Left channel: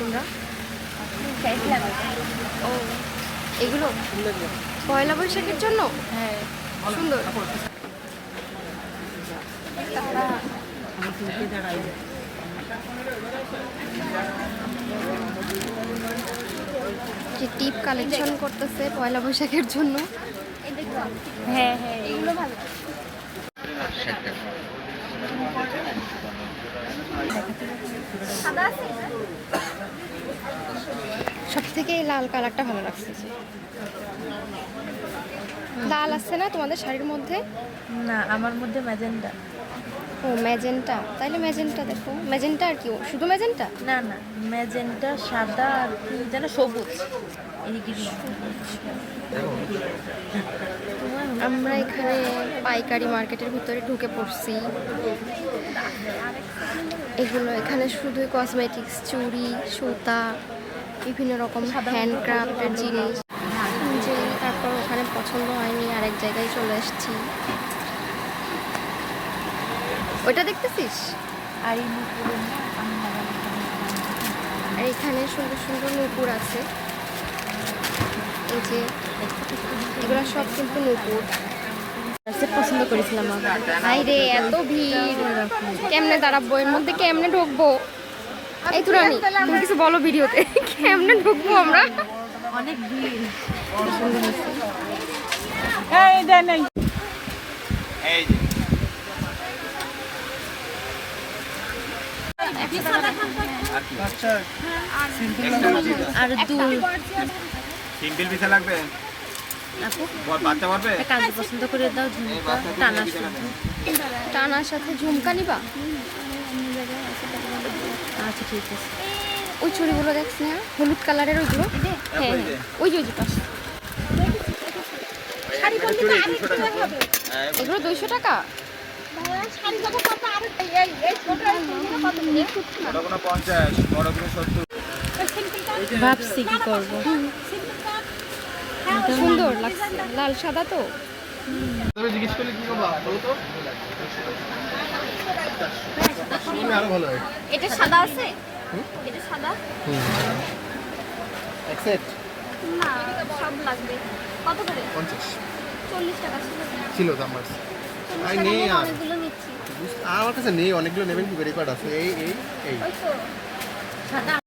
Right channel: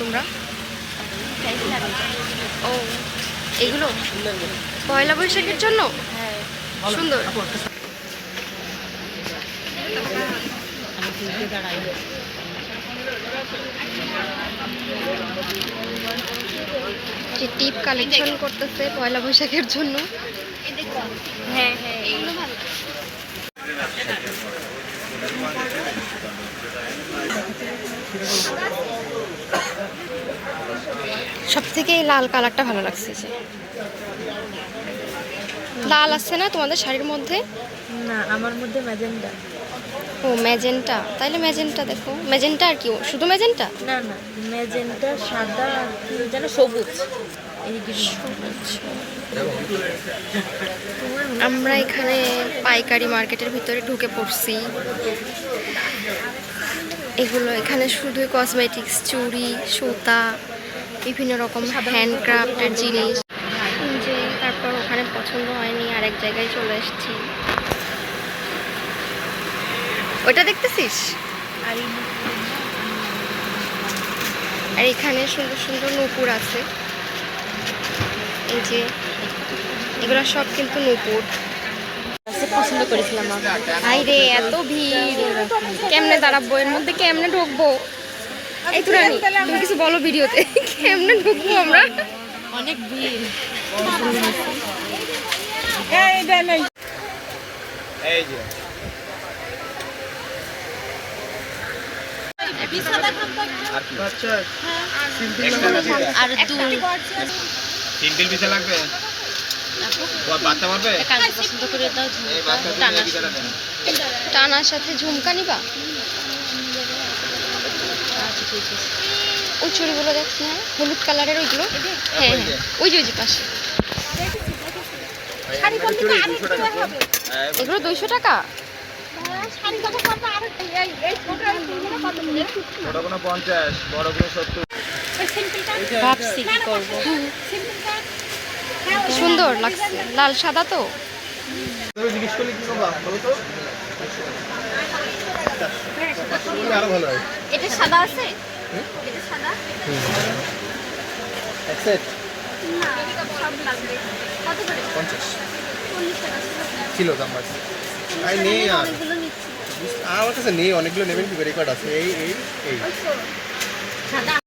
তোমরা ও এগুলো পয়লা বৈশাখের জন্য সুন্দর। যে টিপ কালেকশন করতেছে পয়লা বৈশাখের জন্য। হ্যাঁ হ্যাঁ এগুলো ভালো। সব থেকে লাল কালারটা ভালো লাগছে। যে লাল আছে না তোমাদের শাড়ির মধ্যে? না, আমার মধ্যে ম্যাজেন্টা। ও ম্যাজেন্টা, তাইলে ম্যাজেন্টা দেখো। ম্যাজেন্টা আর কি শুধু ম্যাজেন্টা? না না, ম্যাজেন্টা, সাদা আর কি যেন সবুজ। আমরা এখানে পাইকারি মার্কেটের ভিতরে ঢুকে পড়ছি। এগুলো এখানে শুধুই কসমেটিক্স, চুড়ি, সুতা, বিভিন্ন রকম হ্যান্ডক্রাফটের জিনিস। যে তারপর ওখানে পছন্দ হয়নি, আরেক জায়গায় চলে এসেছি। ওইটা দেখতেছিস? আর এখানে সুন্দর সুন্দর নূপুর আছে। এই যে এগুলো সব কিন্তু নূপুর। পছন্দ করেছিলাম। হাই রে, এত ভিড়, কেমনে দাঁড়াবো এর মধ্যে, কেমনে ঢুকবো? এই তো রানী, তুমি কিছু বলো ভিডিওতে। কেমনে ঢুকবো আমরা? অনেক ভিড়। আর দুই সিম্পল পিছে লাগবে, বাচ্চা পারবে পছন্দ করে দাও। টানার সাথে ঝুমকা নিবা? আচ্ছা ঠিক আছে। ওই চুড়িগুলো দেখছি, হ্যাঁ হলুদ কালারের ওইগুলো। হ্যাঁ হ্যাঁ ওই যে পাশে। এগুলো 200 টাকা। ছোটগুলো 50, বড়গুলো 70। ভাবছি কি করবো। সুন্দর লাগছে, লাল সাদা তো। তুমি জিজ্ঞেস করলে কি করবা বলো তো? আরো ভালো হয়। এটা সাদা আছে? এটা সাদা? এক সেট না, সব লাগবে। কত করে? 50 40 টাকা ছিল দাম বাস। আই নেই আর অনেকগুলো নিচ্ছি। আমার কাছে নেই, অনেকগুলো নেবেন কি করে? রেকর্ড আছে এই এই এই সাদা